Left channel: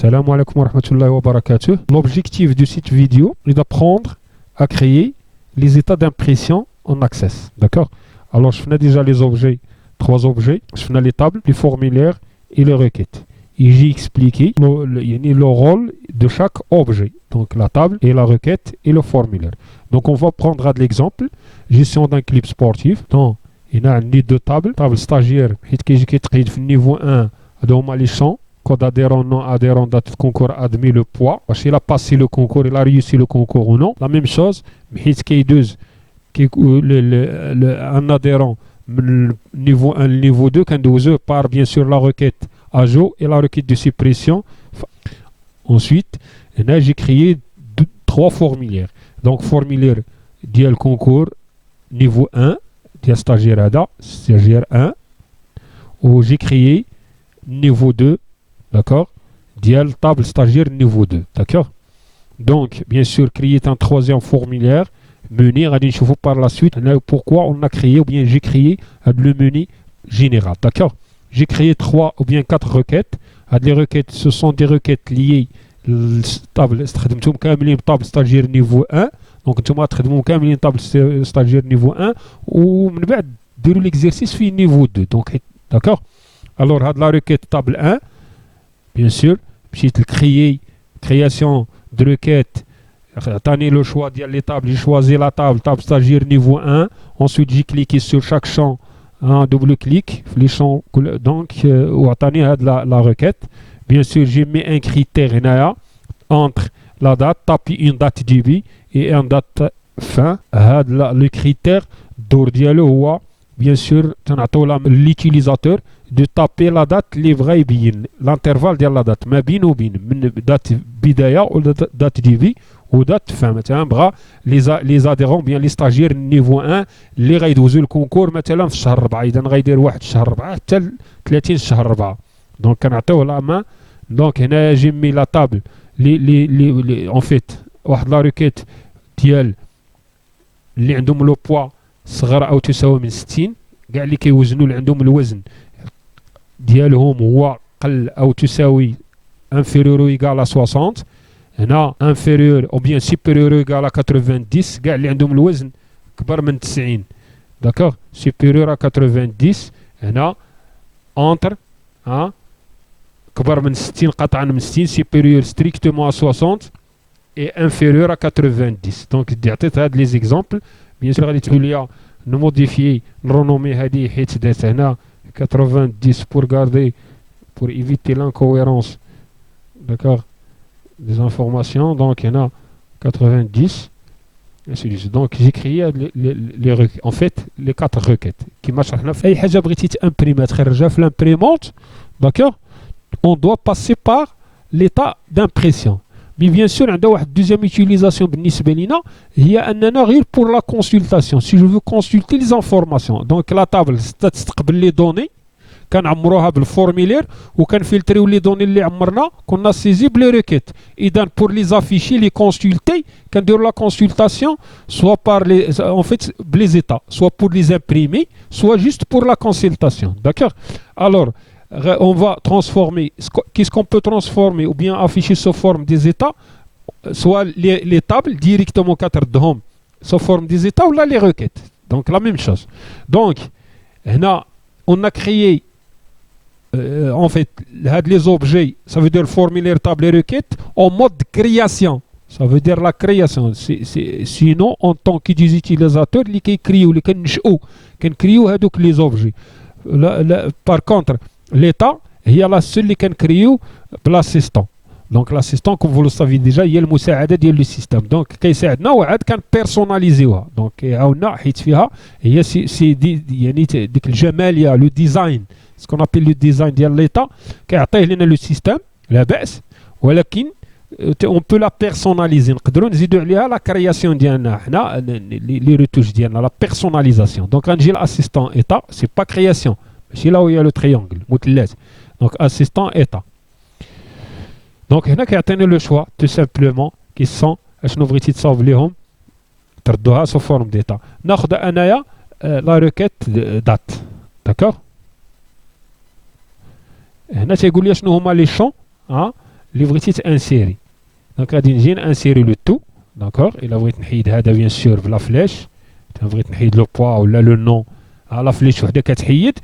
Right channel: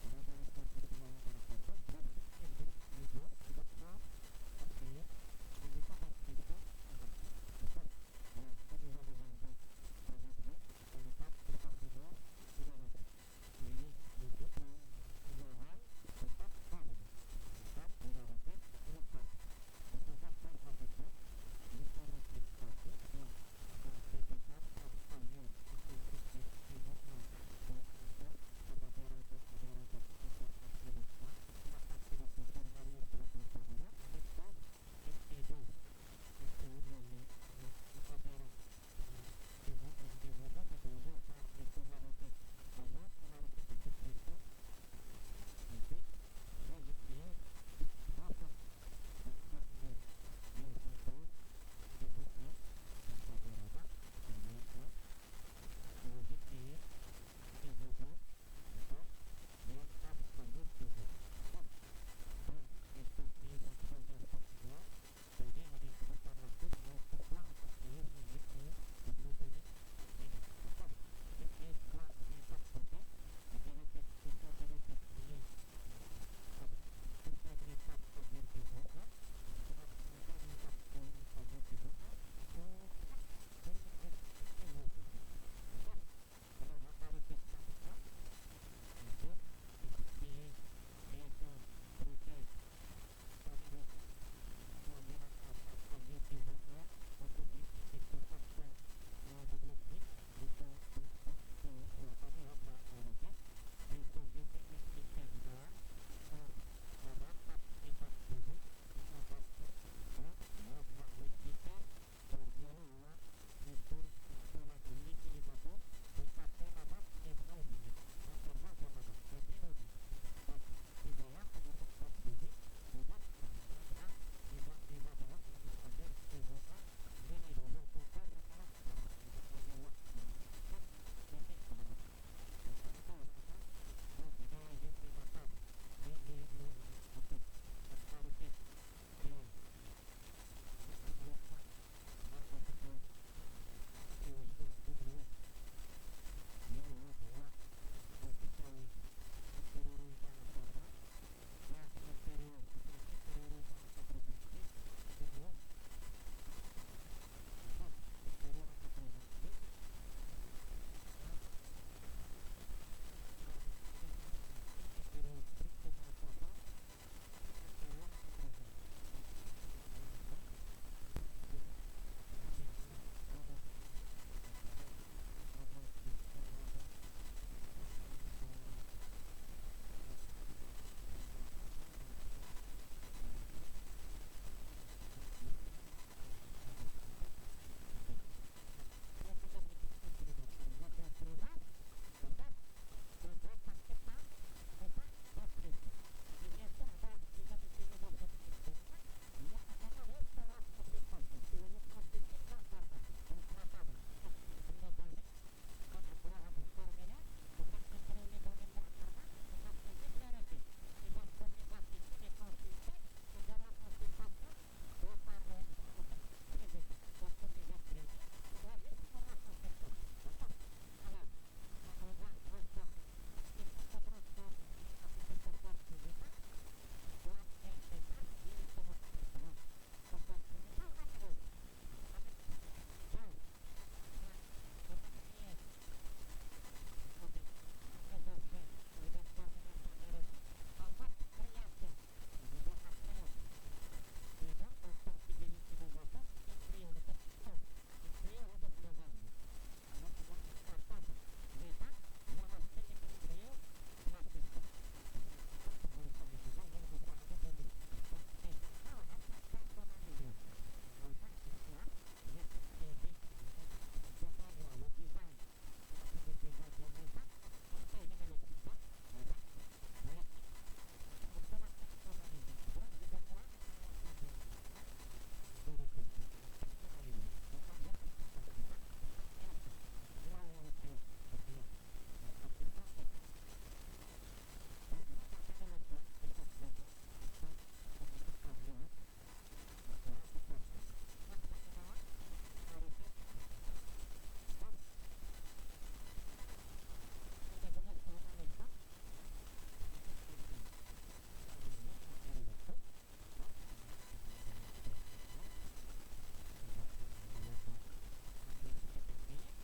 Salam alaikum wa rahmatullahi wa barakatuh. L'objectif du site vidéo est d'apprendre à créer les états d'impression en Access. D'accord? Alors, je fais déjà les objets, 3 objets. Je fais les tables, les formulaires et les requêtes. Et j'ai expliqué le rôle de chaque objet. Donc, la table et la requête et le formulaire. Donc, on va prendre l'exemple. Gestion d'un clip sportif. Donc, il y a deux tables. Table stagiaire, niveau 1, dans les champs. Code adhérent, non adhérent, date de concours, admis le poids. Il a passé le concours, il a réussi le concours ou non. La même chose, un adhérent, niveau 1, niveau 2, quand par bien sûr la requête ajout et la requête de suppression. Ensuite, j'ai créé 3 formulaires. Donc, formulaire dial concours, niveau 1, dial stagiaire 1, où j'ai créé niveau 2. D'accord? Dial table stagiaire niveau 2. D'accord? Donc, bien sûr, créer un 3e formulaire. Menu, on par la suite pourquoi on a créé ou bien j'ai créé le menu général. D'accord? J'ai créé 3 ou bien 4 requêtes. Les requêtes, ce sont des requêtes liées table stagiaire niveau 1. Donc, tu as table stagiaire niveau 1 ou l'exercice fait niveau 2. Donc, d'accord? Alors, la requête table 1. Bien sûr, création de requête. Attendez le choix de les tables. J'ai choisi la table stagiaire niveau 1. Ensuite, j'ai cliqué sur chaque champ, un double-clic. Les champs, donc, attendez la requête. Bien sûr, j'ai mis un critère entre la date, taper une date début et une date fin. Le critère d'ordre ou bien sûr, l'utilisateur de taper la date livrée bien l'intervalle de la date ما بين وبين من date بداية ou date début ou date fin مثلا بغا les adhérents bien les stagiaires niveau 1 اللي غيدوزوا الكونكور مثلا في شهر 4 اذا غيدير 1 شهر 4 حتى 30 شهر 4 دونك كنعطيوه لا مان دونك هنا جي مي لا تابل لي اون فيت واحد لا ريكيت ديال اللي عندهم لو بوا صغر او تساوي من 60 كاع اللي كيوزنوا اللي عندهم الوزن ديالهم هو قل او تساوي inférieur ou égal à 60 هنا inférieur ou bien supérieur ou égal à 90 كاع اللي عندهم الوزن كبر من 90 داكوغ supérieur à 90 هنا entre كبر من 60 قطعا من 60 supérieur strictement à 60 et inférieur à 90 دونك عطيت هاد لي زيكزامبل بيان سور غادي تقول لي نموديفيي نرونومي هادي حيت دات هنا 90 pour garder, pour éviter l'incohérence, d'accord, des informations. Donc, il y en a 90. Donc, j'ai créé en fait les 4 requêtes qui marchent. L'imprimante, d'accord, on doit passer par l'état d'impression. Mais bien sûr, on a une deuxième utilisation il y a un arrêt pour la consultation. Si je veux consulter les informations, donc la table, c'est les données, qu'on a le formulaire, ou qu'on filtre les données qu'on a saisi les requêtes. Et donc, pour les afficher, les consulter, quand de la consultation, soit par les états, soit pour les imprimer, soit juste pour la consultation. D'accord? Alors, on va transformer, qu'est-ce qu'on peut transformer ou bien afficher sous forme des états, soit les tables directement 4 d'hommes sous forme des états ou là les requêtes. Donc la même chose. Donc, on a créé en fait les objets, ça veut dire formulaire, table et requête en mode création. Ça veut dire la création. Sinon, en tant qu'utilisateur, les qui créent ou les qui créent les objets. Par contre, l'état, il y a la seule qui crée l'assistant. Donc l'assistant, comme vous le savez déjà, il y a le مساعدة ديال le système. Donc كيساعدنا وعاد كان personnaliser. Donc عاونا حيت فيها هي سي يعني ديك الجمالية le design, ce qu'on appelle le design ديال l'état كيعطيه لنا le système لا بأس, ولكن on peut la personnaliser. نقدروا نزيدوا عليها la création ديالنا حنا les retouches ديالنا, la personnalisation. Donc نجي l'assistant état, c'est pas création. C'est là où il y a le triangle. Donc, assistant état. Donc, il y a le choix, tout simplement, qui sont, je n'ouvre pas de sauver تردوها sous forme d'état. ناخذ انايا la requête date. D'accord? هنا تيقول لي شنو هما لي شون اللي بغيتي تانسيري. دونك غادي نجي نانسيري لو تو. داكور الا بغيت نحيد هذا بيان سور بلا فلاش، بغيت نحيد لو بوا ولا لو نو على فليش وحده كتحيد.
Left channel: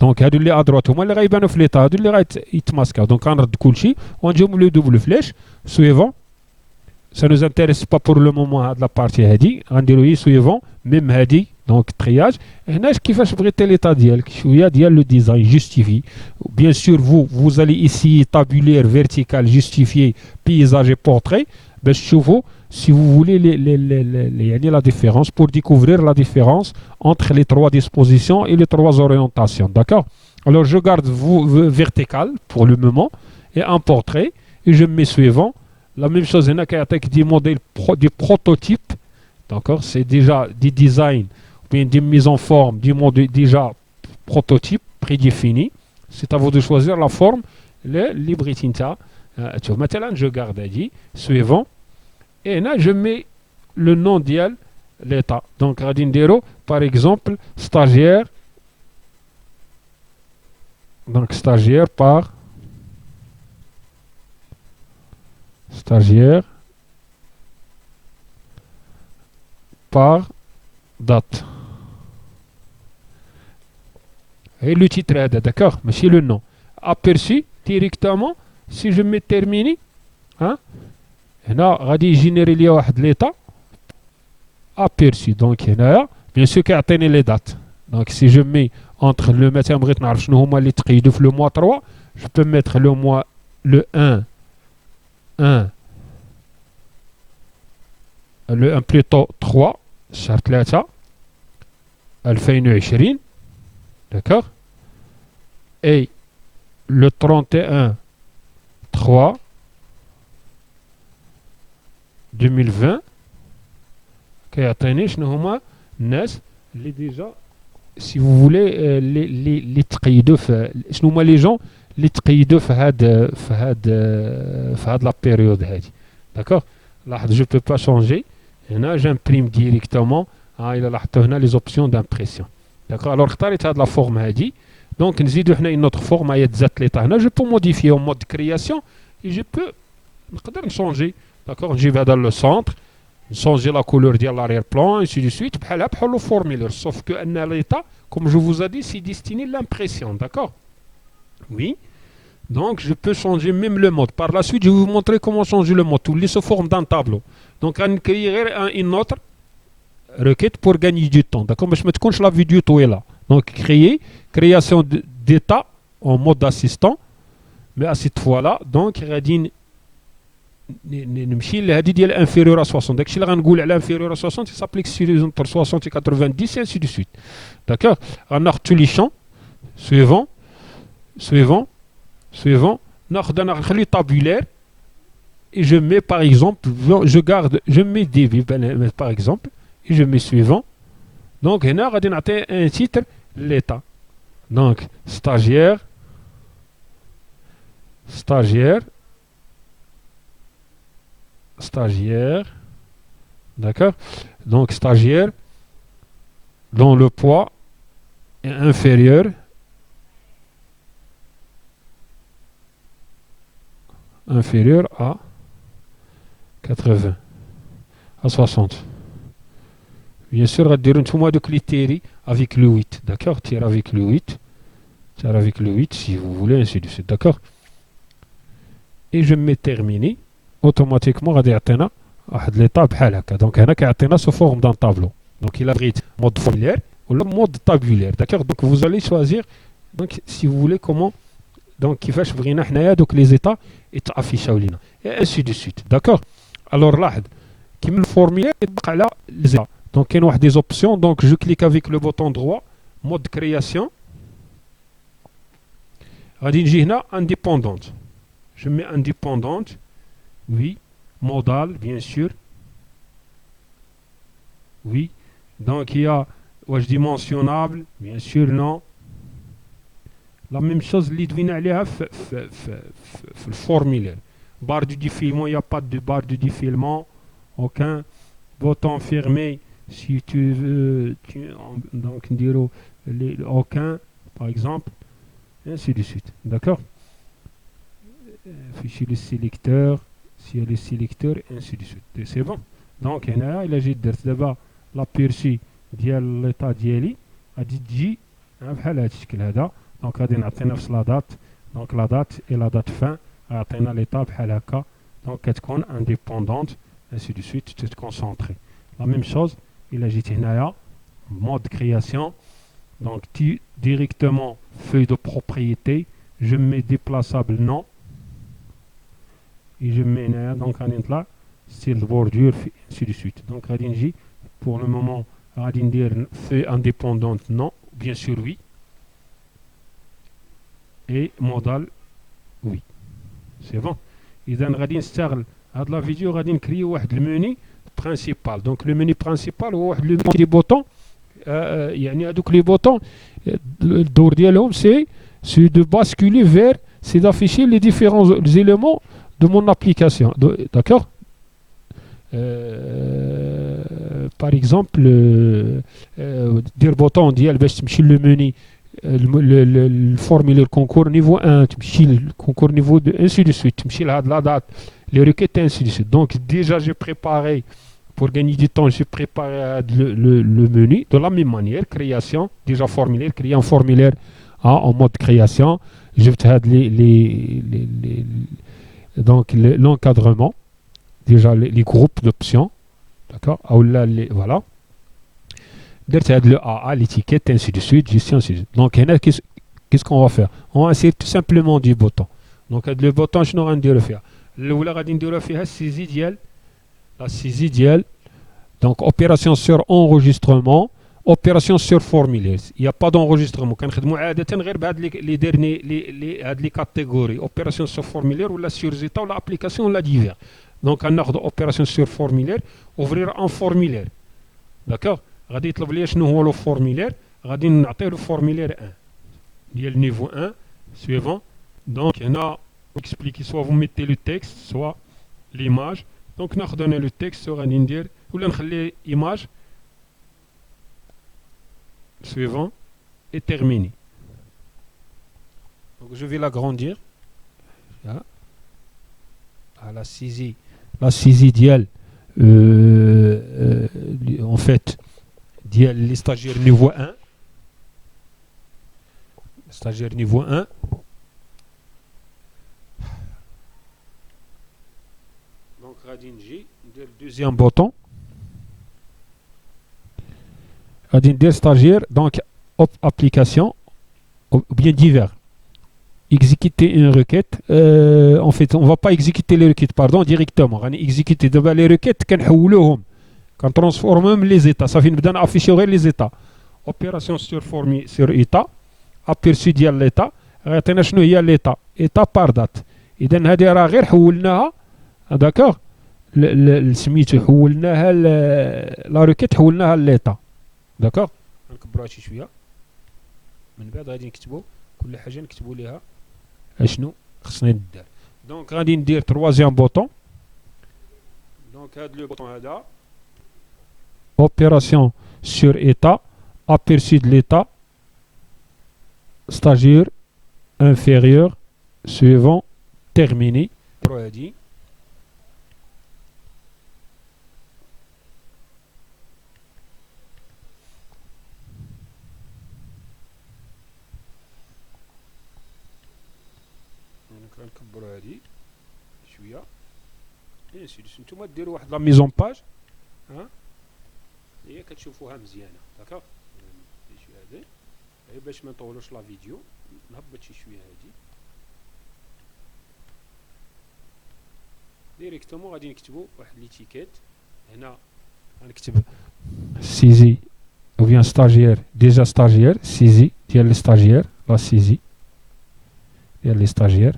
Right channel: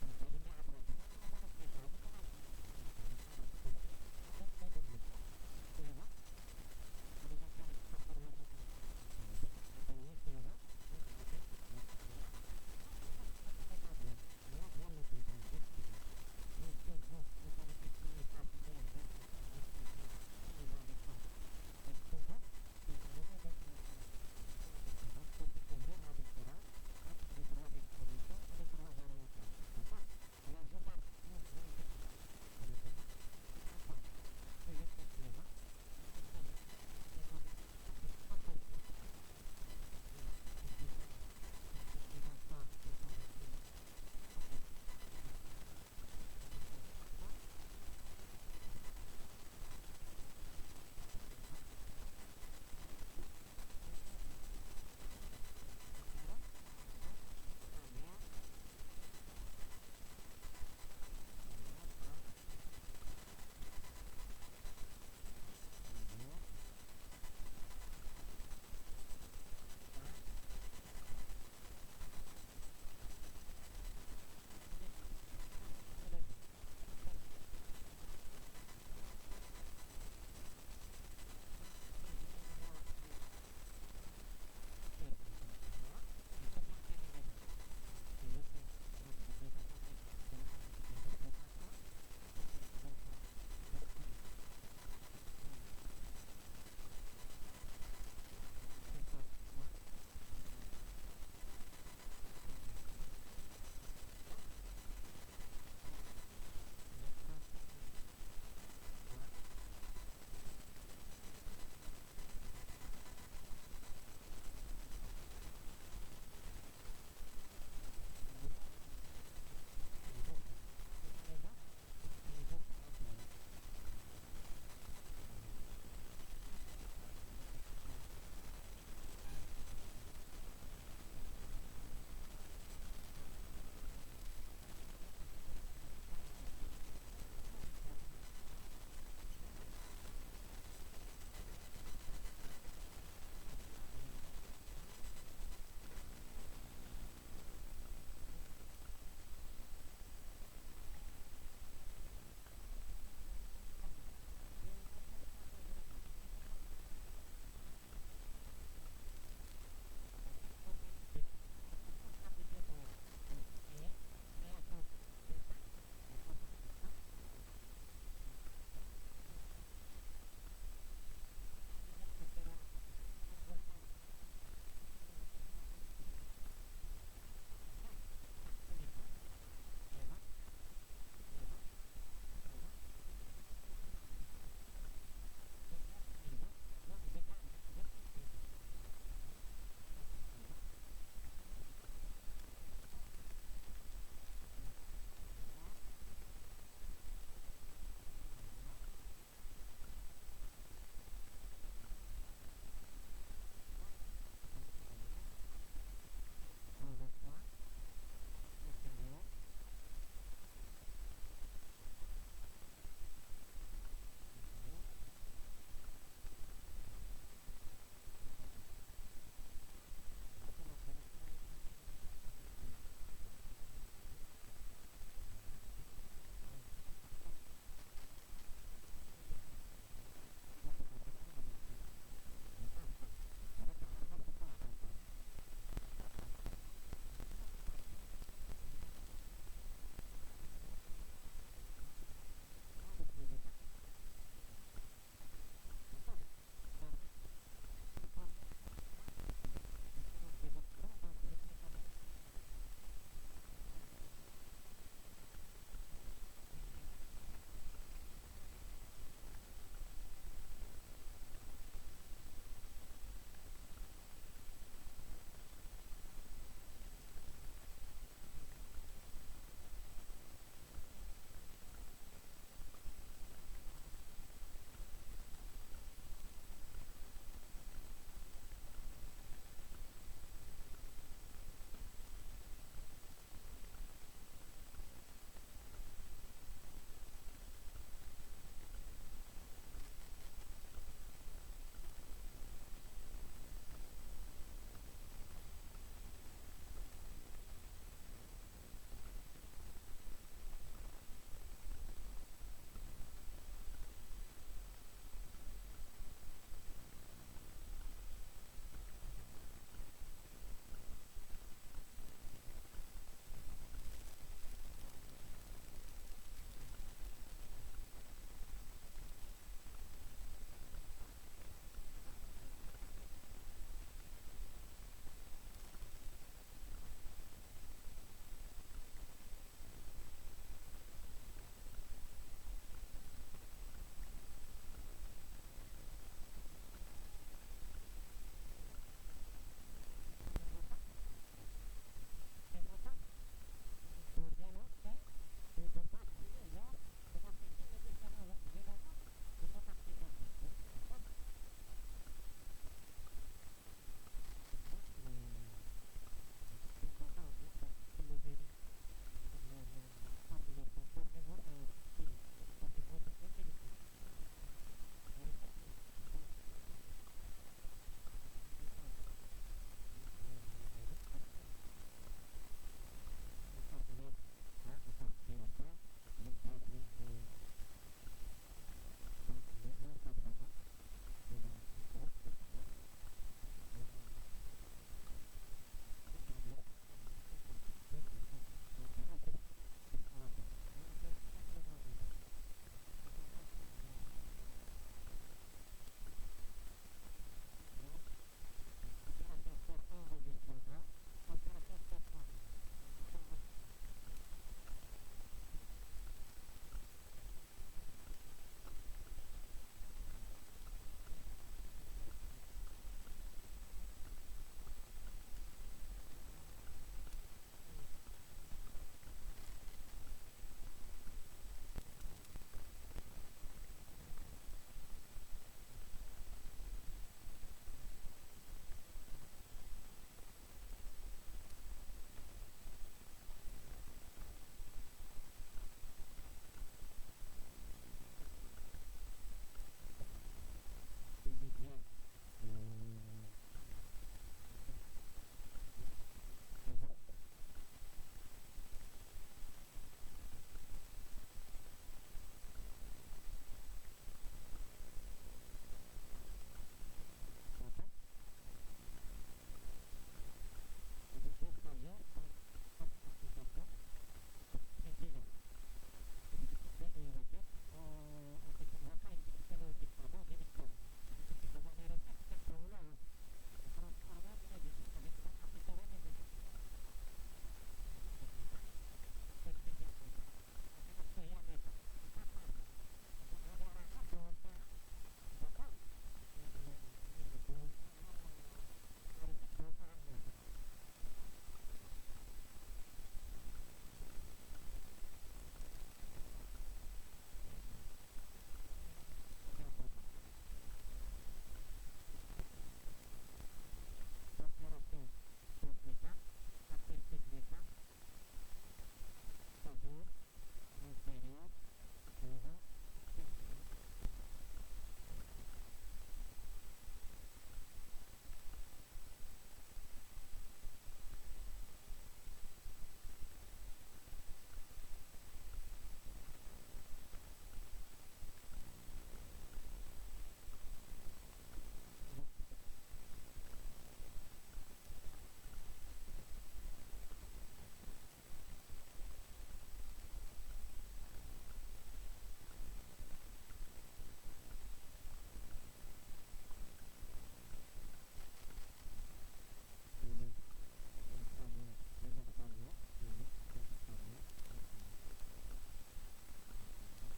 دونك هادو اللي ادروات هما اللي غيبانو في ليطا، هادو اللي غيتماسكاو. دونك غنرد كلشي ونجيو لو دوبل فلاش سويفون. Ça nous intéresse pas pour le moment هاد لا بارتي هادي، غنديرو هي سويفون ميم هادي. دونك ترياج هنا كيفاش بغيتي ليطا ديالك، شويه ديال لو ديزاين جوستيفي. بيان سور vous allez ici tabulaire vertical justifier paysage et portrait باش تشوفوا si vous voulez يعني la différence, pour découvrir la différence entre les trois dispositions et les trois orientations. D'accord? Alors je garde vertical pour le moment et un portrait et je mets suivant. La même chose, il y a des modèles, des prototypes. D'accord? C'est déjà des designs, bien des mises en forme, des modèles déjà prototypes prédéfinis. C'est à vous de choisir la forme, le libretinta. Maintenant, je garde dit suivant. Et là, je mets le nom d'IAL, l'état. Donc, Radindero, par exemple, stagiaire. Donc, stagiaire par date. Et le titre, d'accord? Mais c'est le nom. Aperçu directement, si je mets terminé, hein? هنا غادي يجينيري ليا واحد ليطا ابيرسي. دونك هنايا بيان سور كيعطيني لي دات. دونك سي جو مي انتر لو مثلا بغيت نعرف شنو هما اللي تقيدوا في لو موا 3، جو بو ميتر لو موا لو 1 لو 1 بلوتو 3 شهر 3 2020. داكوغ اي لو 31 3 2020 كيعطيني شنو هما الناس اللي ديجا سي فو فولي اللي تقيدوا في شنو هما لي جون اللي تقيدوا في هاد لا بيريود هادي. داكوغ لاحظ جو بو با شونجي هنا جامبريم ديريكتومون. الى لاحظتوا هنا لي زوبسيون دامبريسيون. داكوغ الوغ اختاريت هاد لا فورم هادي. دونك نزيدو هنا اون اوتر فورم هي تزات ليطا. هنا جو بو موديفي اون مود كرياسيون اي جو بو نقدر نشونجي. D'accord, j'y vais dans le centre, changer la couleur de l'arrière-plan, ainsi de suite, بحال le formulaire. Sauf que l'état, comme je vous ai dit, c'est destiné à l'impression, d'accord? Oui. Donc, je peux changer même le mode. Par la suite, je vais vous montrer comment changer le mode. Tout les se forme d'un tableau. Donc, on crée une autre requête pour gagner du temps. D'accord? Mais je me compte la vidéo tout est là. Donc, création d'état en mode assistant. Mais à cette fois-là, donc, Radine نمشي لهذه ديال انفيريور ا 60. داكشي اللي غنقول على انفيريور ا 60 سابليك سي انتر 60 و 90 ainsi de suite. D'accord? غناخذ tous les champs suivant ناخذ انا نخلي tabulaire et je mets par exemple je mets des par exemple et je mets suivant. Donc هنا غادي نعطي un titre l'état. Donc stagiaire d'accord? Donc stagiaire dont le poids est inférieur à 80 à 60. Bien sûr غديروا نتوما دوك لي تيري avec le 8. D'accord? Tire avec le 8 si vous voulez, ainsi de suite. D'accord? Et je mets terminé. اوتوماتيكمون غادي يعطينا واحد ليطا بحال هكا. دونك هنا كيعطينا سو فورم دان طابلو. دونك الا بغيت مود فورمولير ولا مود طابولير. داكوغ دونك vous allez choisir دونك si vous voulez comment دونك كيفاش بغينا حنايا دوك لي زيتا يتافيشاو لينا اي انسي دو سويت. داكوغ الوغ لاحظ كيما الفورمولير يطبق على لي زيتا. دونك كاين واحد دي زوبسيون. دونك جو كليك افيك لو بوطون دروا مود كرياسيون. غادي نجي هنا انديبوندونت. جو مي انديبوندونت. Oui, modal, bien sûr. Oui. Donc, il y a dimensionnable, bien sûr, non. La même chose, l'idvina aliha le formulaire. Barre de défilement, il n'y a pas de barre de défilement. Aucun bouton fermé, si tu veux. Donc, aucun, par exemple. Et ainsi de suite. D'accord? fichier le sélecteur, s'il y a le sélecteur, et ainsi de suite. C'est bon. Donc, il a d'abord l'aperçu ديال l'état ديالي غادي تجي بحال هذا الشكل هذا. دونك غادي نعطي نفس لا دات. دونك لا دات et la date fin عطينا l'état بحال هكا. دونك كتكون indépendante ainsi de suite تتكونسونطري. La même chose, il a جيت هنايا mode création. Donc directement feuille de propriété, je mets déplaçable non et je mets donc là style de bordure ainsi de suite. Donc radinji pour le moment radindir feuille indépendante non, bien sûr oui, et modal oui, c'est bon. إذا غادي نستغل هاد لا فيديو غادي نكري واحد المني principal. Donc le menu principal هو واحد le des boutons. يعني هذوك لي بوطون الدور ديالهم سي de basculer vers, c'est d'afficher les différents éléments de mon application. D'accord. Par exemple dire bouton ديال باش تمشي le menu le formulaire concours niveau 1 تمشي le concours niveau 2 ainsi de suite تمشي لهاد la date les requêtes ainsi de suite. Donc déjà j'ai préparé. Pour gagner du temps, j'ai préparé le menu de la même manière. Création, déjà formulaire, créer un formulaire en mode création. Je vais donc l'encadrement, déjà les groupes d'options. D'accord. Voilà. Le AA, l'étiquette, ainsi de suite, gestion, ainsi de suite. Donc, qu'est-ce qu'on va faire? On va essayer tout simplement du bouton. Donc, le bouton, je n'aurai rien à faire. Le ou la faire, c'est idéal. La saisie dial. Donc opération sur enregistrement, opération sur formulaire. Il n'y a pas d'enregistrement. Quand on les derniers les catégories, opération sur formulaire ou la sur état ou l'application ou la divers. Donc on a opération sur formulaire, ouvrir un formulaire. D'accord. غادي يطلب لي شنو هو لو formulaire. غادي نعطيه le formulaire 1. ديال niveau 1 suivant. Donc il y en a expliqué soit vous mettez le texte, soit l'image. Donc nous donner le texte sur un indire ou l'enlever image suivant et terminé. Donc je vais l'agrandir. Là. À la saisie dial en fait dial les stagiaires niveau 1. Stagiaire niveau 1. Le deuxième bouton des stagiaires, donc application ou bien divers, exécuter une requête. En fait on va pas exécuter les requêtes directement, on va exécuter les requêtes quand transforme les états, ça fait nous afficher les états. Opération sur état, aperçu ديال l'état, عطينا شنو هي l'état, état par date. اذا هذه راه غير حولناها. d'accord. سميتو حولناها لا روكيت حولناها لليطا. داكوغ. نكبروها شي شويه من بعد غادي نكتبوا كل حاجه نكتبوا ليها اشنو خصنا ندير. دونك غادي ندير تروازيام بوطون. دونك هذا لو بوطون هذا اوبيراسيون سور ايتا, aperçu de l'état, stagiaire inférieur suivant terminé. هادي نكبروا هذه شويه. نتوما ديروا واحد لا ميزون باج ها هي كتشوفوها مزيانه. داكوغ. شويه هذه باش ما نطولوش لا فيديو نهبط شي شويه هذه ديريكتومون. غادي نكتبوا واحد ليتيكيت هنا. غنكتب سيزي ou bien stagiaire, déjà stagiaire, saisie ديال لي stagiaire, la saisie ديال لي stagiaire.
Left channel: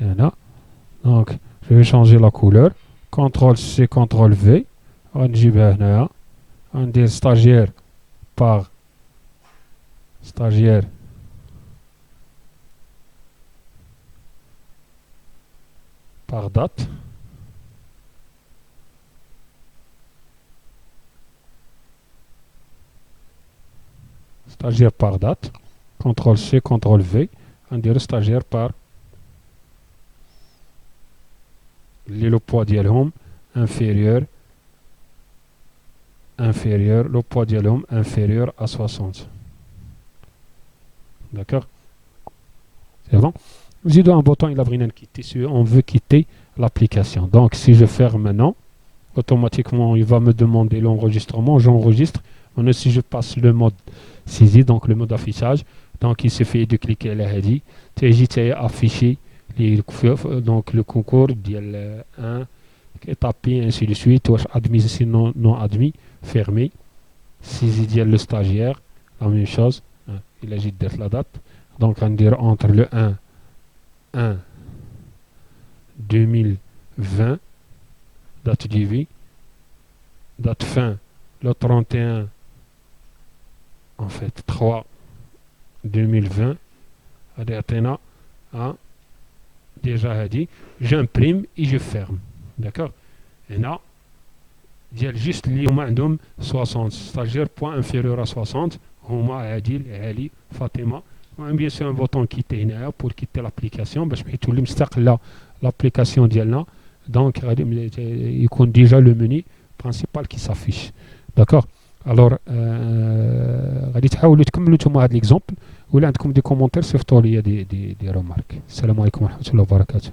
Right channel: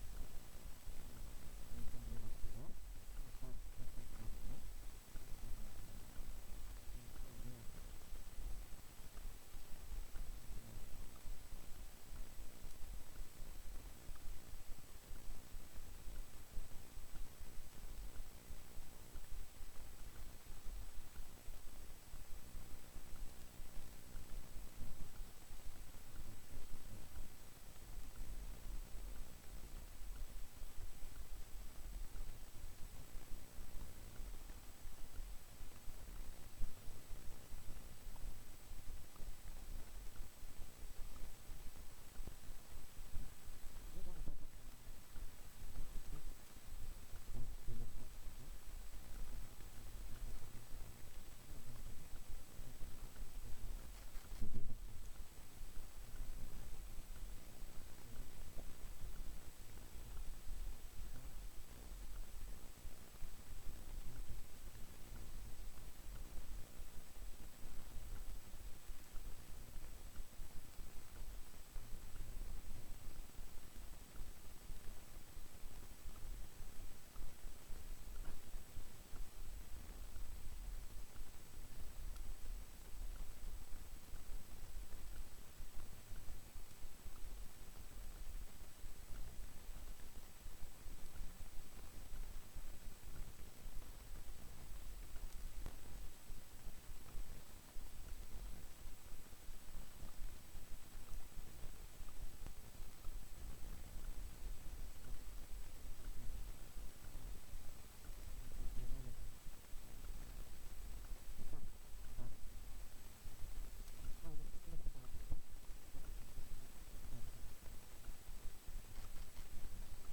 Voilà. Donc je vais changer la couleur. CTRL C, CTRL V. غنجيبها هنايا. غندير stagiaire par stagiaire par date. Stagiaire par date. CTRL C, CTRL V. On dirait stagiaire par le poids ديالهم inférieur, le poids ديالهم inférieur à 60. D'accord? C'est bon? J'ai un bouton, il a besoin de quitter. On veut quitter l'application. Donc, si je ferme maintenant, automatiquement, il va me demander l'enregistrement. J'enregistre. Maintenant, si je passe le mode saisie, donc le mode affichage, donc il suffit de cliquer là, tu afficher donc le concours ديال 1 étape ainsi de suite واش admis sinon non admis fermé saisie ديال le stagiaire la même chose il agit de la date donc on dire entre le 1 2020 date du vie date fin le 31 en fait 3 2020 Adéatena déjà dit j'imprime et je ferme d'accord et là il y a juste l'homme 60 stagiaire point inférieur à 60 Homa Adil Ali Fatima bien sûr un bouton quitter pour quitter l'application باش تولي مستقله l'application ديالنا donc il compte déjà le menu principal qui s'affiche d'accord alors غادي تحاولوا تكملوا نتوما هذا l'exemple ولا عندكم دي كومونتير صيفطوا لي دي ريمارك السلام عليكم ورحمه الله وبركاته